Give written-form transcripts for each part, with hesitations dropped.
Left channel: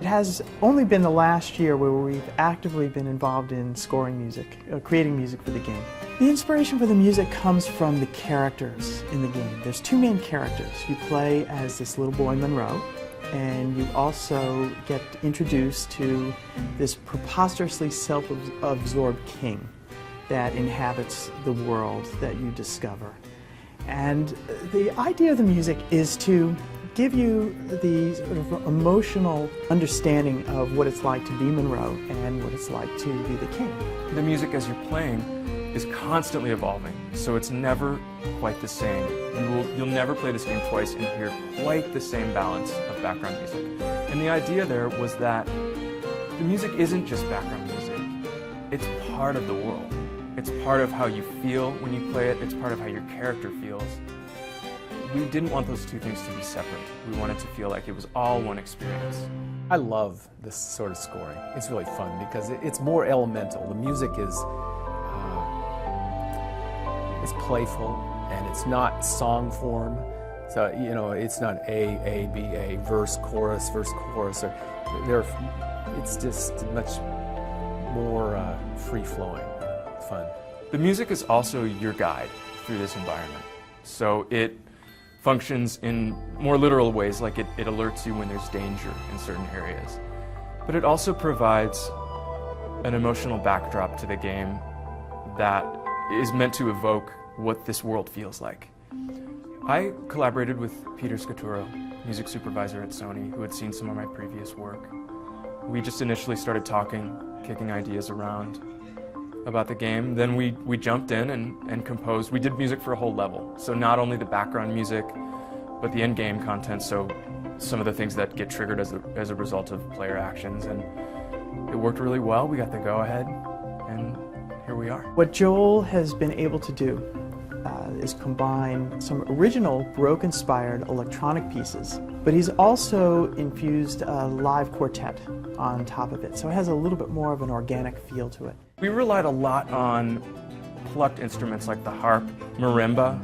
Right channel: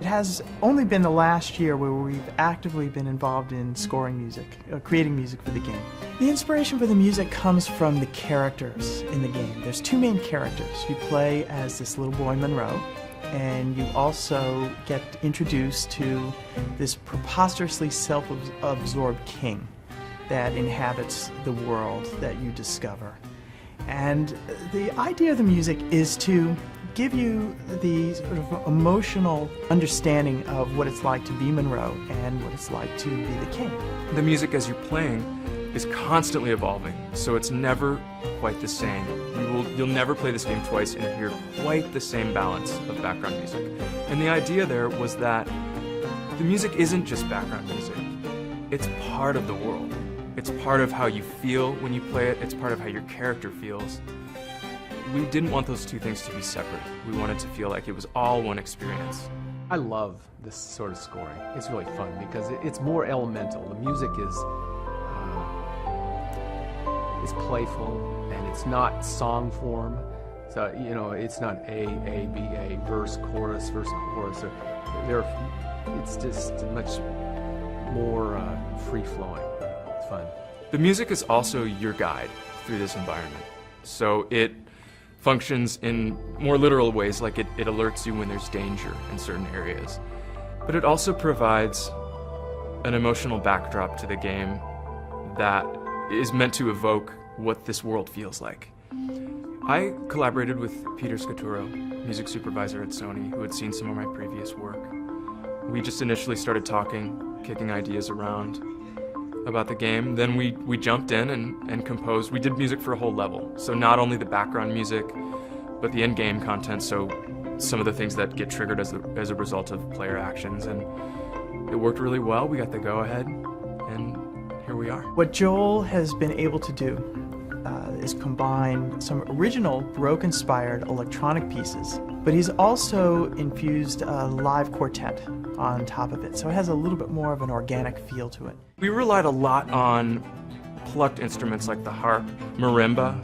It has only been the last year where we've actively been involved in scoring music, creating music for the game. The inspiration for the music comes from the characters in the game. There's two main characters. You play as this little boy Monroe, and you also get introduced to this preposterously self-absorbed king that inhabits the world that you discover. And the idea of the music is to give you the sort of emotional understanding of what it's like to be Monroe and what it's like to be the king. The music as you're playing is constantly evolving, so it's never quite the same. You'll never play this game twice and hear quite the same balance of background music. And the idea there was that the music isn't just background music. It's part of the world. It's part of how you feel when you play it. It's part of how your character feels. We didn't want those two things to be separate. We wanted to feel like it was all one experience. I love this sort of scoring. It's really fun because it's more elemental. The music is playful, and it's not song form. So, you know, it's not A, B, A, verse, chorus. It's just much more free-flowing, fun. The music is also your guide through this environment. So it functions in more literal ways, like it alerts you when there's danger in certain areas. But it also provides an emotional backdrop to the game that is meant to evoke what this world feels like. I collaborated with Peter Scaturo, music supervisor at Sony, who had seen some of my previous work. We just initially started talking, kicking ideas around about the game. Then we jumped in and composed. We did music for a whole level. So not only the background music, but the in-game content, so some of the things that get triggered as a result of player actions. And it worked really well. We got the go-ahead, and here we are. What Joel has been able to do is combine some original Baroque-inspired electronic pieces, but he's also infused a live quartet on top of it, so it has a little bit more of an organic feel to it. We relied a lot on plucked instruments like the harp, marimba,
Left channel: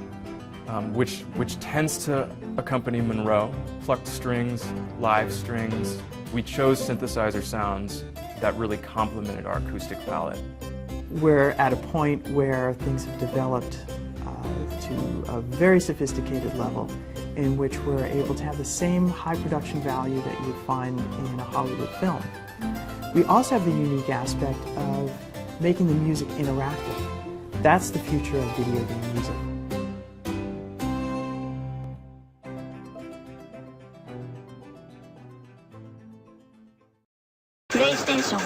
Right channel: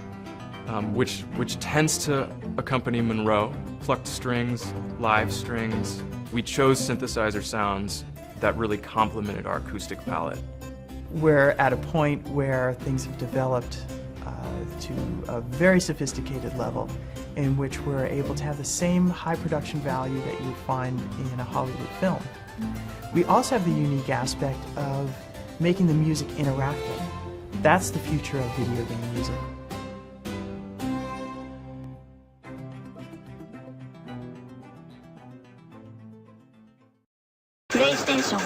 which tends to accompany Monroe, plucked strings, live strings. We chose synthesizer sounds that really complemented our acoustic palette. We're at a point where things have developed to a very sophisticated level in which we're able to have the same high production value that you find in a Hollywood film. We also have the unique aspect of making the music interactive. That's the future of video game music. PlayStation